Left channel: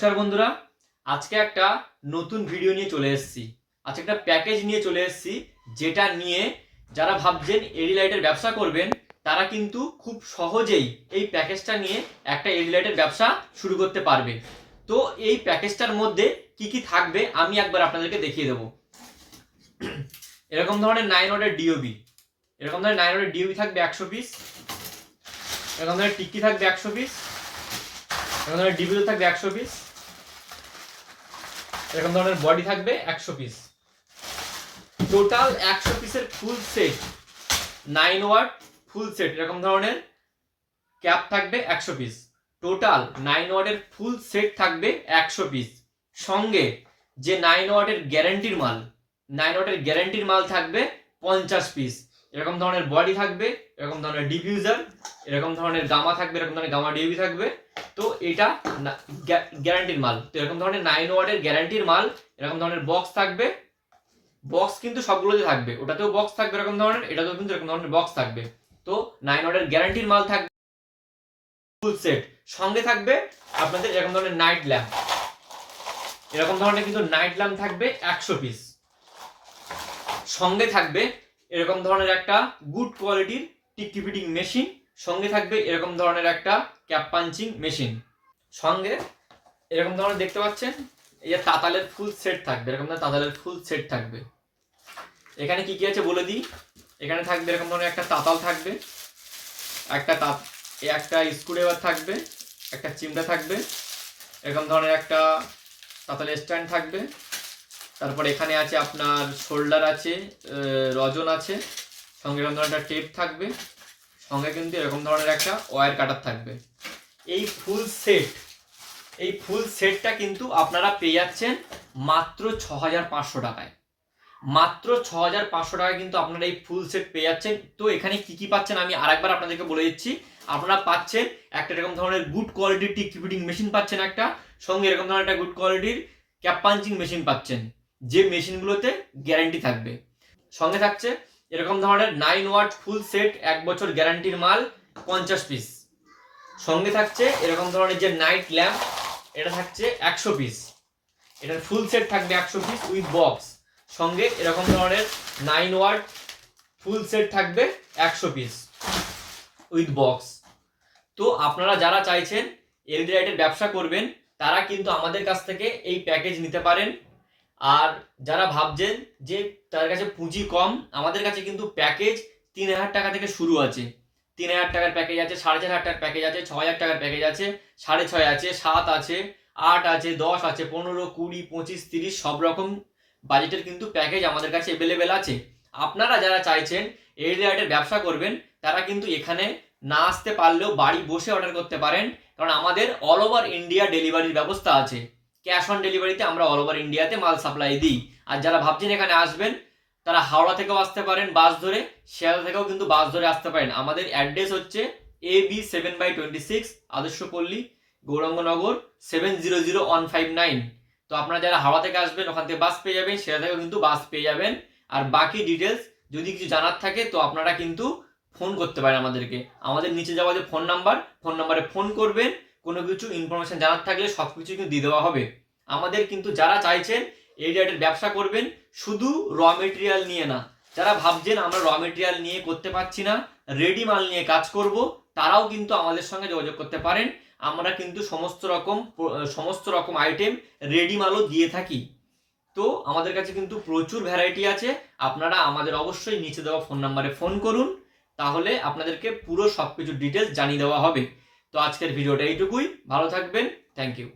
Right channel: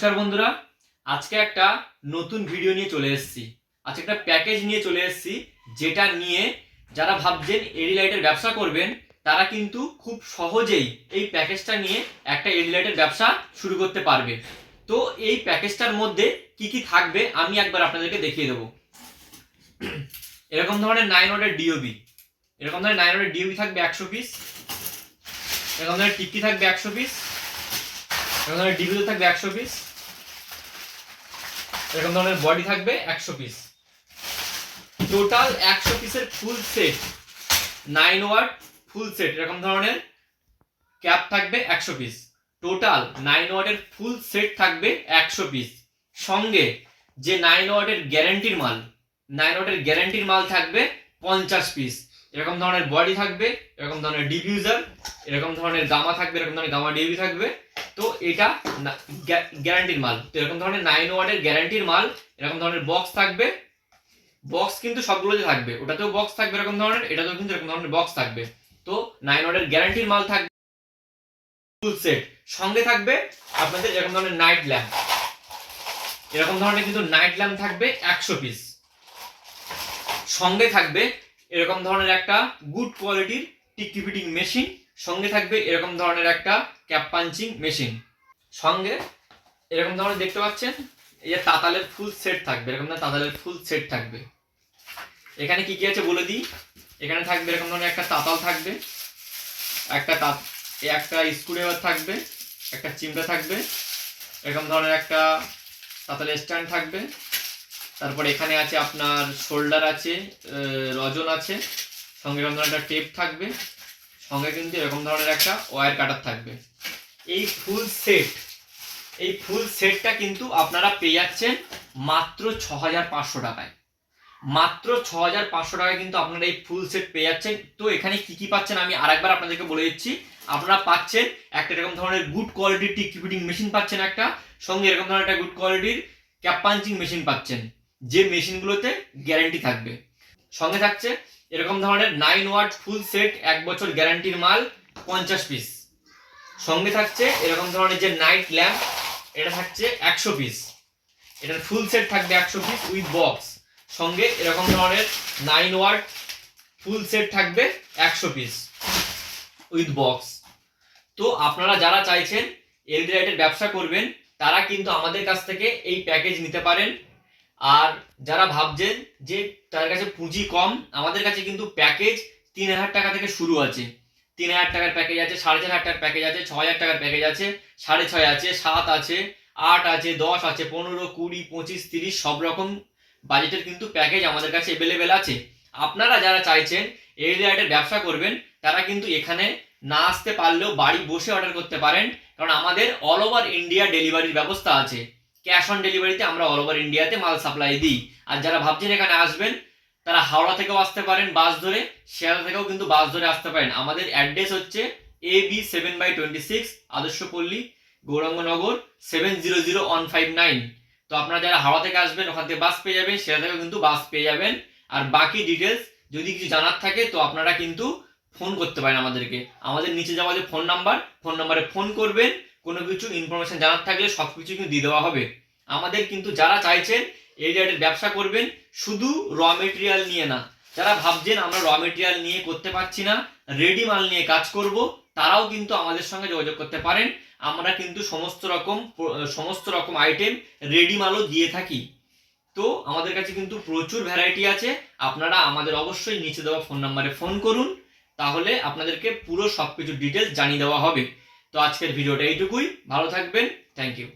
নমস্কার বন্ধুরা, আজকে একটা নতুন ভিডিও নিয়ে চলে এসেছি। আজকে একটা প্যাকেজ নিয়ে চলে এসেছি, যেটা নিয়ে যারা ভাবছেন এডি লাইটের ব্যবসা করবেন তারা কিন্তু খুব সহজেই এই প্যাকেজটা নিয়ে একটা এডি লাইটের ব্যবসা শুরু করতে পারবে। তো এই প্যাকেজটার মধ্যে কি কি থাকবে আমি একবার আপনাদেরকে দেখিয়ে দেবো। এরকম ধরনের 9 ওয়াটের ডিওবি, এরকম ধরনের 9 ওয়াটের ডিওবি থাকবে 100 পিস। এরকম ধরনের টিক্কি থাকবে 100 পিস। এরকম ধরনের ডিভিও থাকবে 100 পিস। এরকম ধরনের বডি থাকবে 100 পিস। টোটাল 100 পিসের full set, 9 watt full set. এরকম ধরনের ক্যাপ থাকবে 100 পিস। টোটাল 9 ওয়াটের ফুল সেট থাকবে 100 পিস। সঙ্গে যে 9 ওয়াটের গ্যারান্টির মাল, 9 ওয়াটের গ্যারান্টির মাল থাকবে 50 পিস। এরকম ধরনের বডি থাকবে, এরকম ধরনের ডিফিউজার, এরকম ধরনের গামা থাকবে, এরকম ধরনের গামা ডিউবি থাকবে। তো এটা গ্যারান্টির মাল। তো এরকম ধরনের 9 ওয়াটের গ্যারান্টির মাল, এরকম ধরনের বক্স থাকবে। বক্স কিন্তু সবগুলোতে থাকবে, ওটাতেও বক্স থাকবে এরকম ধরনের, এটাতেও কিন্তু এরকম ধরনের বক্স থাকবে। তো 9 ওয়াটের গ্যারান্টির মাল থাকবে ফুল সেট। সঙ্গে থাকবে আপনাদের এরকম ধরনের নাইট ল্যাম্প, এরকম ধরনের কিন্তু নাইট ল্যাম্প থাকবে 100 পিস। সঙ্গে থাকবে এরকম ধরনের একটা গুড কোয়ালিটির টিক্কি ফিটিং মেশিন। সঙ্গে থাকবে এরকম ধরনের একটা ক্যাপ পাঞ্চিং মেশিন। সঙ্গে এরকম ধরনের দেখতে পাচ্ছেন এই যে তাতালের ফুল সেট থাকবে, এরকম ধরনের তাতালের ফুল সেট থাকবে। এখানে কি কি আছে বলে দিই। এখানে থাকবে এরকম ধরনের একটা তাতাল থাকবে, একটা স্ক্রুড্রাইভার থাকবে, একটা চিমটা থাকবে, এরকম ধরনের একটা তাতালের স্ট্যান্ড থাকবে। তারপর এখানে আছে আপনার শোল্ডার আছে, রজন আছে। সঙ্গে এরকম ধরনের একটা টেপ থাকবে। সঙ্গে কিন্তু এরকম ধরনের একটা ওয়্যার কাটার থাকবে। এই ফুল সেটটা কিন্তু আপনারা পেয়ে যাচ্ছেন মাত্র 6500 টাকায়। মাত্র 6500 টাকায় কিন্তু আপনারা এই ফুল সেট পেয়ে যাচ্ছেন। তো এখানে কি কি পাচ্ছেন আমি আরেকবার আপনাদেরকে বলে দিচ্ছি। আপনারা পাচ্ছেন একটা এরকম ধরনের গুড কোয়ালিটির টিক্কি ফিটিং মেশিন পাচ্ছেন একটা। সঙ্গে এরকম ধরনের একটা গুড কোয়ালিটির ক্যাপ পাঞ্চিং মেশিন পাচ্ছেন, যে মেশিনগুলোতে গ্যারান্টি থাকবে। সঙ্গে থাকছে এরকম ধরনের 9 ওয়াট ফুল সেট 1 বছর গ্যারান্টির মাল 50 পিস। সঙ্গে থাকছে এরকম ধরনের যে নাইট ল্যাম্প, এটা থাকছে 100 পিস। এটার ফুল সেট থাকবে 100 পিস উইথ বক্স। সঙ্গে এরকম ধরনের 9 ওয়াট ফুল সেট থাকবে 100 পিস উইথ বক্স। তো আপনারা যারা চাইছেন এলইডি লাইটের ব্যবসা করবেন তারা কিন্তু আমাদের কাছ থেকে এই প্যাকেজ নিতে পারেন। আর যারা ভাবছেন যে তার কাছে পুঁজি কম, আমাদের কাছে কিন্তু প্যাকেজ 3000 টাকা থেকে শুরু আছে। 3000 টাকার প্যাকেজ আছে, 4500 টাকার প্যাকেজ আছে, 6000 টাকার প্যাকেজ আছে, 6.5 আছে, 7 আছে, 8 আছে, 10 আছে, 15, 20, 25, 30 সব রকম বাজেটের কিন্তু প্যাকেজ আমাদের কাছে অ্যাভেলেবেল আছে। আপনারা যারা চাইছেন এলইডি লাইটের ব্যবসা করবেন তারা কিন্তু এখানে না আসতে পারলেও বাড়ি বসে অর্ডার করতে পারেন, কারণ আমাদের অল ওভার ইন্ডিয়া ডেলিভারির ব্যবস্থা আছে। ক্যাশ অন ডেলিভারিতে আমরা অল ওভার ইন্ডিয়াতে মাল সাপ্লাই দিই। আর যারা ভাবছেন এখানে আসবেন তারা হাওড়া থেকেও আসতে পারেন বাস ধরে, শিয়ালদা থেকেও কিন্তু বাস ধরে আসতে পারেন। আমাদের অ্যাড্রেস হচ্ছে AB 7/26 আদর্শপল্লী, গৌরাঙ্গনগর 700159। তো আপনারা যারা হাওড়া থেকে আসবেন ওখান থেকে বাস পেয়ে যাবেন, শিয়ালদা থেকেও কিন্তু বাস পেয়ে যাবেন। আর বাকি ডিটেলস যদি কিছু জানার থাকে তো আপনারা কিন্তু ফোন করতে পারেন আমাদেরকে। আমাদের নিচে যাওয়া যে ফোন নাম্বারে ফোন করবেন, কোনো কিছু ইনফরমেশন জানার থাকলে সব কিছু কিন্তু দিয়ে দেওয়া হবে। আমাদের কিন্তু যারা চাইছেন এই লাইটের ব্যবসা করবেন শুধু র মেটেরিয়াল নিয়ে না, যারা ভাবছেন আমরা র মেটেরিয়াল নিয়ে করতে পারছি না, রেডি মাল নিয়ে কাজ করব, তারাও কিন্তু আমাদের সঙ্গে যোগাযোগ করতে পারেন। আমরা কিন্তু সমস্ত রকম আইটেম রেডি মালও দিয়ে থাকি। তো আমাদের কাছে কিন্তু প্রচুর ভ্যারাইটি আছে। আপনারা আমাদের অবশ্যই নিচে দেওয়া ফোন নাম্বারে ফোন করুন, তাহলে আপনাদেরকে পুরো সবকিছু ডিটেলস জানিয়ে দেওয়া হবে। তো আজকের ভিডিওটা এইটুকুই। ভালো থাকবেন। Thank you.